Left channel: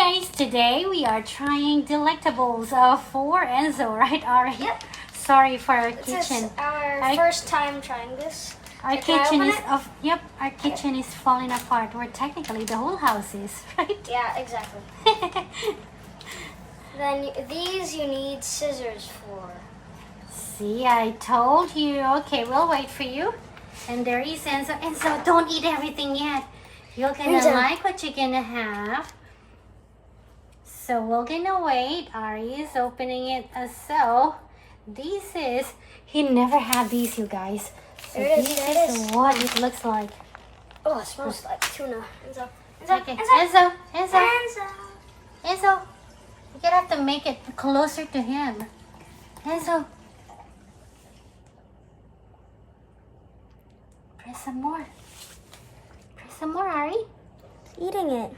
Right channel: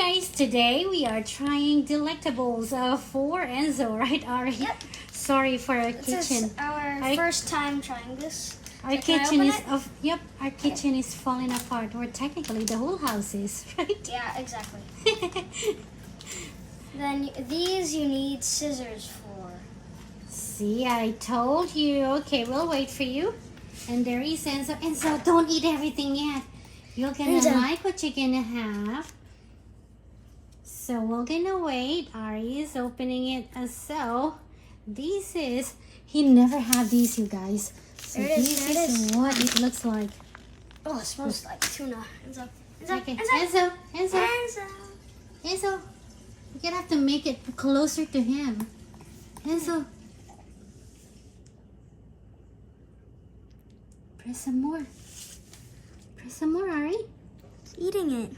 guys, today we are trying Delectables for Enzo, right Ari? Yep. Sorry for our This kitchen. is our first time trying this. Our So can I kitchen open is it? our kitchen is falling apart. Where technically the whole house is, right? Yeah, exactly. Then these you need scissors for. See, I told you. Okay, we'll wait for you. And there is Enzo. Enzo, don't eat everything yet. You're gonna Enzo. like what you're gonna have. So we're gonna wait. Ari is opening it as so. This is, he never had these, you guys. So There it is, this there it is is. what it looks like. Oh, it smells like tuna. Enzo. Enzo. Okay, Enzo. Enzo, Enzo, Enzo. Enzo. You're gonna have to make it closer to him. Enzo. Press some more. Press some more, Ari. He's eating it.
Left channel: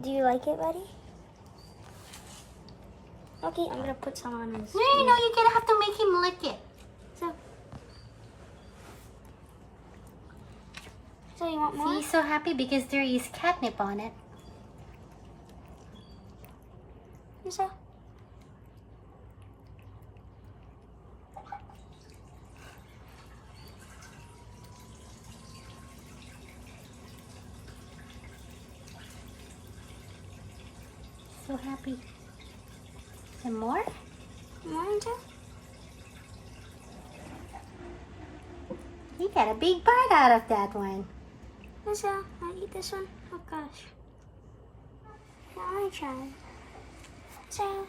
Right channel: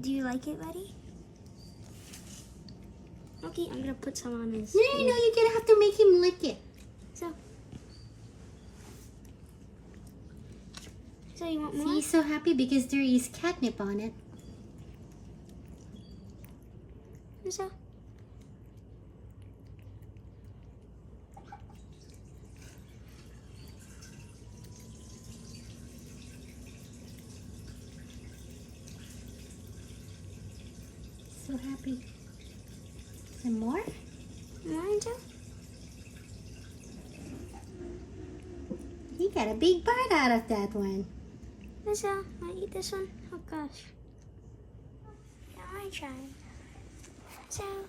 Do you like it, buddy? Okay, I'm gonna put some on his. No, you're gonna have to make him lick it. So you want See, more? he's so happy because there is catnip on it. Enzo. So happy. Some more? More, Enzo? He got a big bite out of that one. Enzo, I eat this one. Oh gosh. Yeah, I wanna try. So.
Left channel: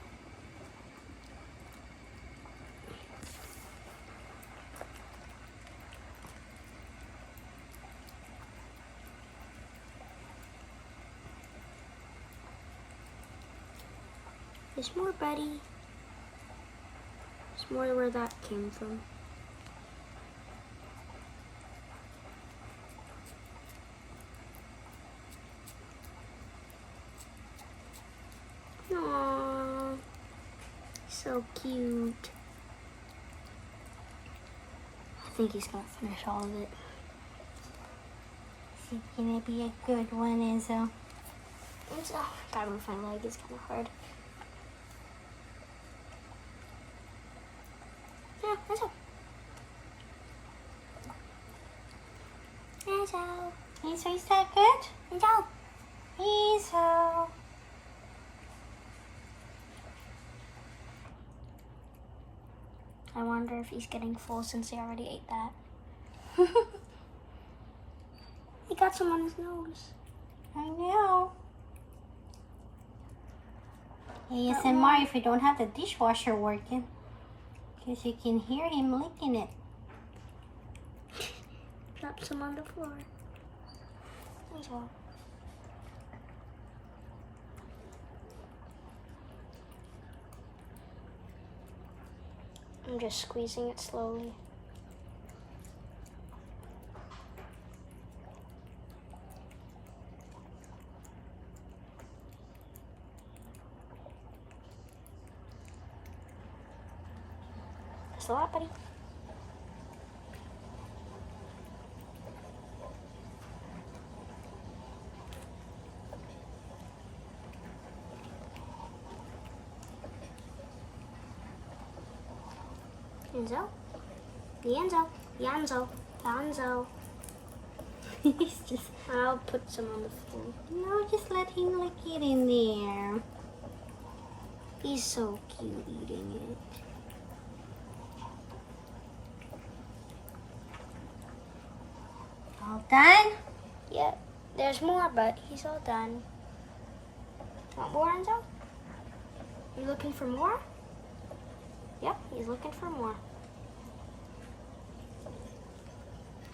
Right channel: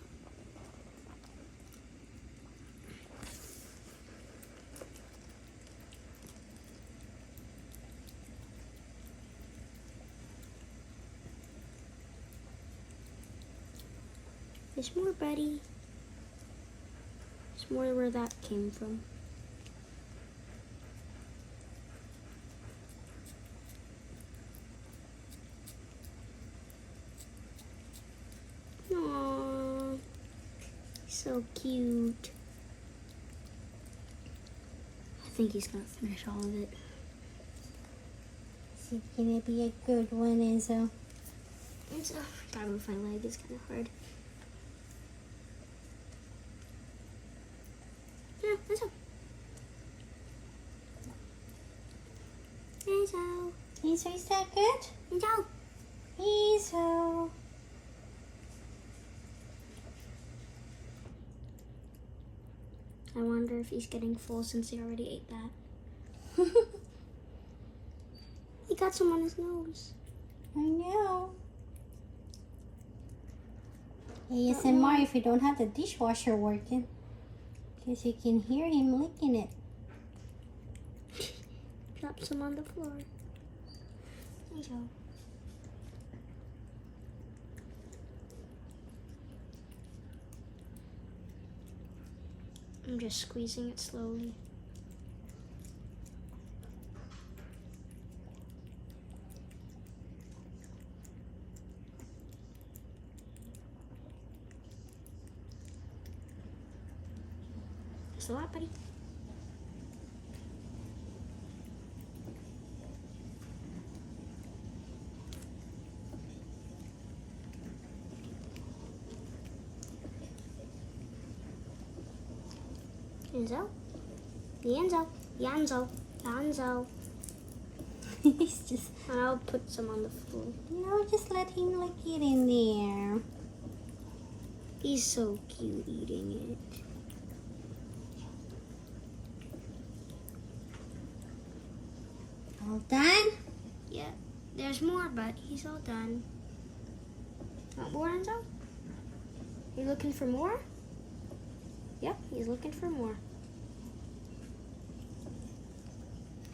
There's more, buddy. There's more where that came from. Aww, so cute. I think he's gonna finish all of it. It's gonna be a good one, Enzo. Enzo, gotta move my leg, it's kind of hard. Yeah, Enzo. Enzo. Enzo, is that good? Enzo. Enzo. I wonder if he's getting full since he already ate that. He got some on his nose. I know. ASMR if we don't have the dishwasher working. Because you can hear him licking it. Drop some on the floor. Enzo. I'm just squeezing it slowly. That's a lot, buddy. Enzo? Enzo? Enzo? Enzo? He's just, I'll put some on the floor. no, just let him lick it in there. He's so cute eating it. All done? Yeah, there's more, but he's all done. Want more, Enzo? You looking for more? Yep, he's looking for more.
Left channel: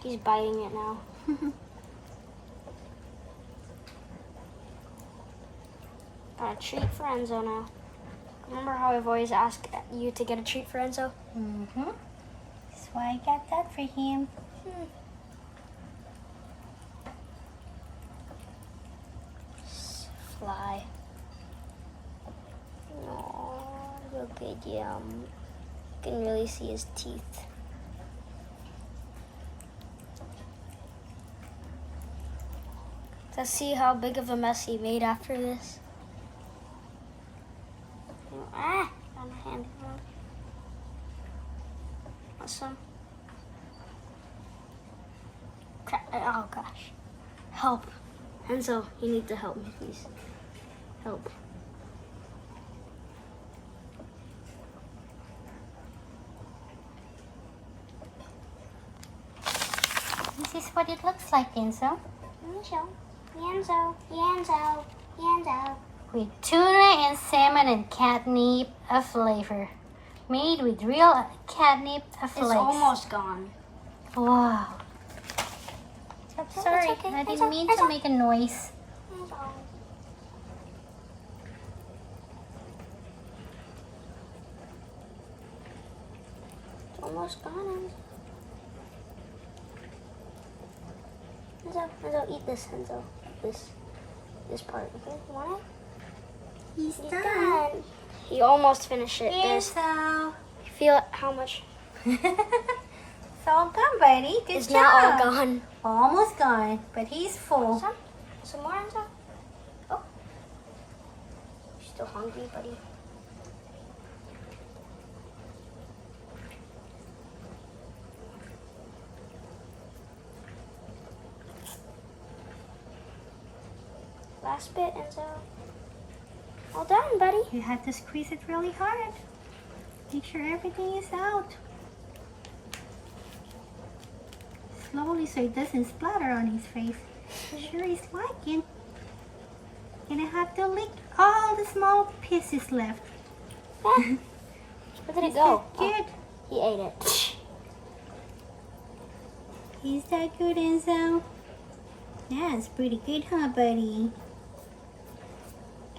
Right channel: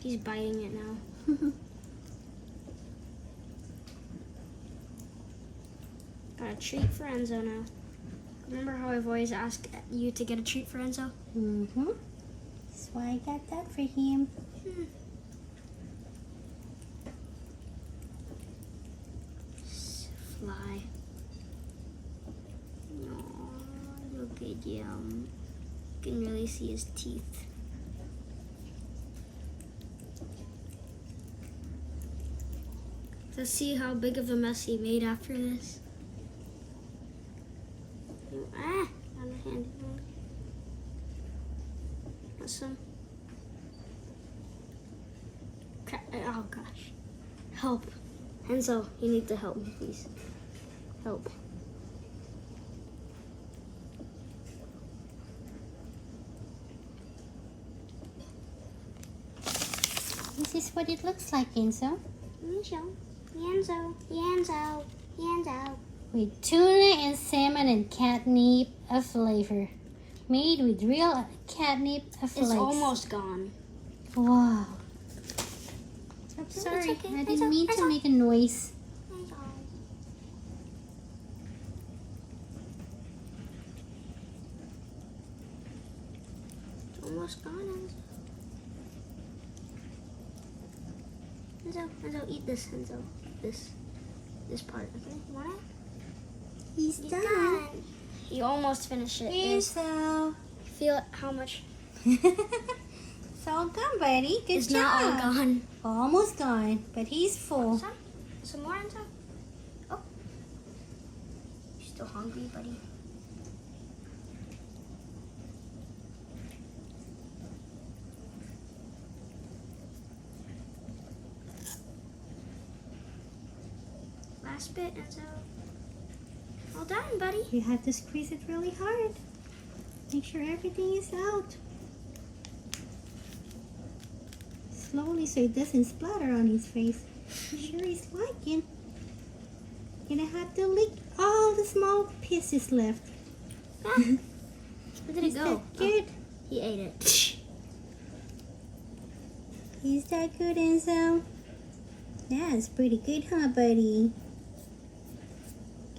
He's biting it now. Got a treat for Enzo now. Remember how I've always asked you to get a treat for Enzo? Mm-hmm. That's why I got that for him. Fly. No, look at him. You can really see his teeth. Let's see how big of a mess he made after this. on my hand. Want some? Oh gosh. Help. Enzo, you need to help me, please. Help. This is what it looks like, Enzo. Enzo. With tuna and salmon and catnip a flavor. Made with real catnip flakes. It's almost gone. Wow. I'm No, sorry, it's okay. I It's didn't mean to make a noise. It's almost gone, Enzo. Enzo, eat this, Enzo. This part, okay? You want it? He's done. He almost finished it. Enzo. Feel how much It's all gone, buddy. Good is job. now all gone. Almost gone, but he's full. Some more, Enzo? Oh. You're still hungry, buddy? Last bit, Enzo. All done, buddy. You have to squeeze it really hard. Make sure everything is out. Slowly so it doesn't splatter on his face. I'm sure he's liking. Gonna have to lick all the small pieces left. Ah, where did it Is go? that good? He ate it. Is that good, Enzo? Yeah, it's pretty good, huh, buddy?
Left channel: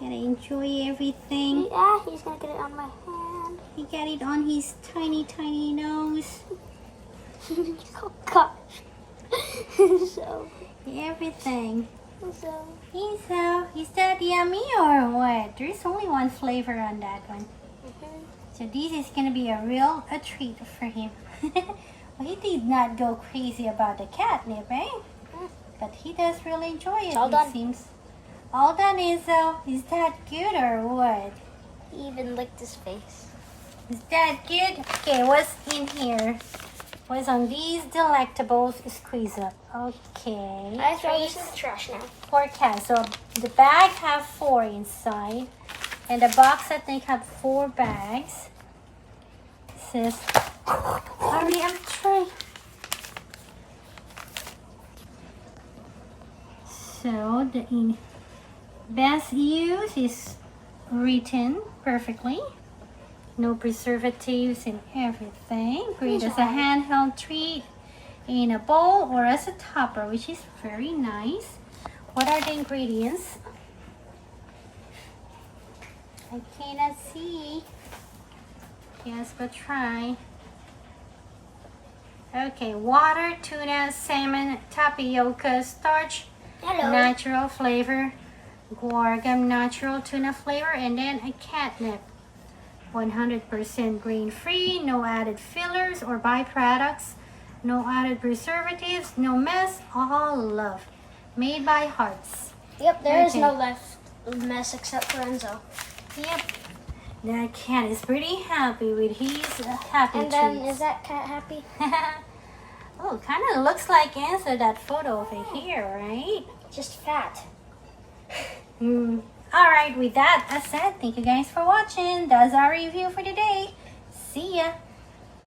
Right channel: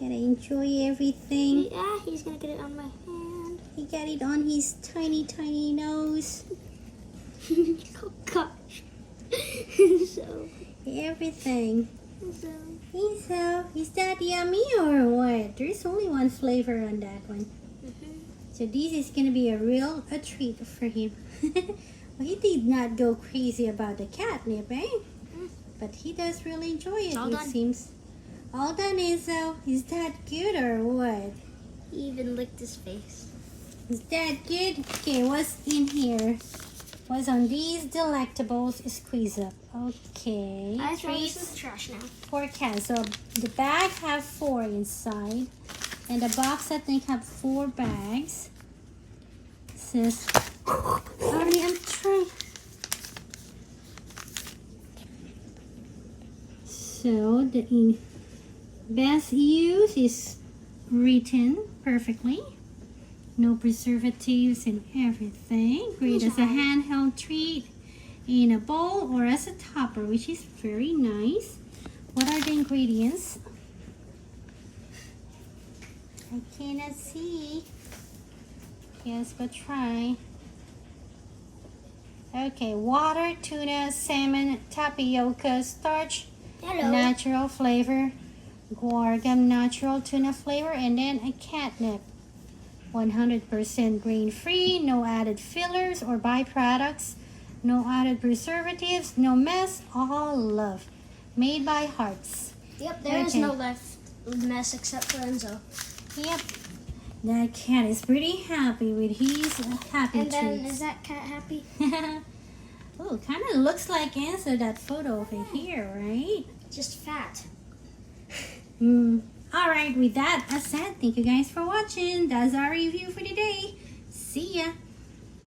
Gotta enjoy everything. Yeah, he's gonna get it on my hand. He got it on his tiny, tiny nose. Oh gosh. So, Everything. so. Is that yummy or what? There's only one flavor on that one. So this is gonna be a treat for him. Well, he did not go crazy about the catnip, eh? But he does really enjoy it, all done. seems. All done, Enzo. Is that good or what? He even licked his face. Is that good? Okay, what's in here? What's on these Delectables squeeze up? Okay. I throw this in the trash now. 4 cans. So the bag have 4 inside. And the box, I think, have 4 bags. It says, sorry, I'm trying. So the best use is written perfectly. No preservatives and everything. Great as a handheld treat in a bowl or as a topper, which is very nice. What are the ingredients? I cannot see. Yes, but try. Okay, water, tuna, salmon, tapioca, starch, Hello. natural flavor, guar natural tuna flavor, and then a catnip. 100% grain-free, no added fillers or byproducts, no added preservatives, no mess, all love. Made by hearts. Yep, there is Okay. no left mess except for Enzo. Yep. That cat is pretty happy with his happy And then, treats. is that cat happy? Oh, kind of looks like Enzo, that photo over here, right? Just fat. Alright, with that said, thank you guys for watching. That's our review for today. See ya.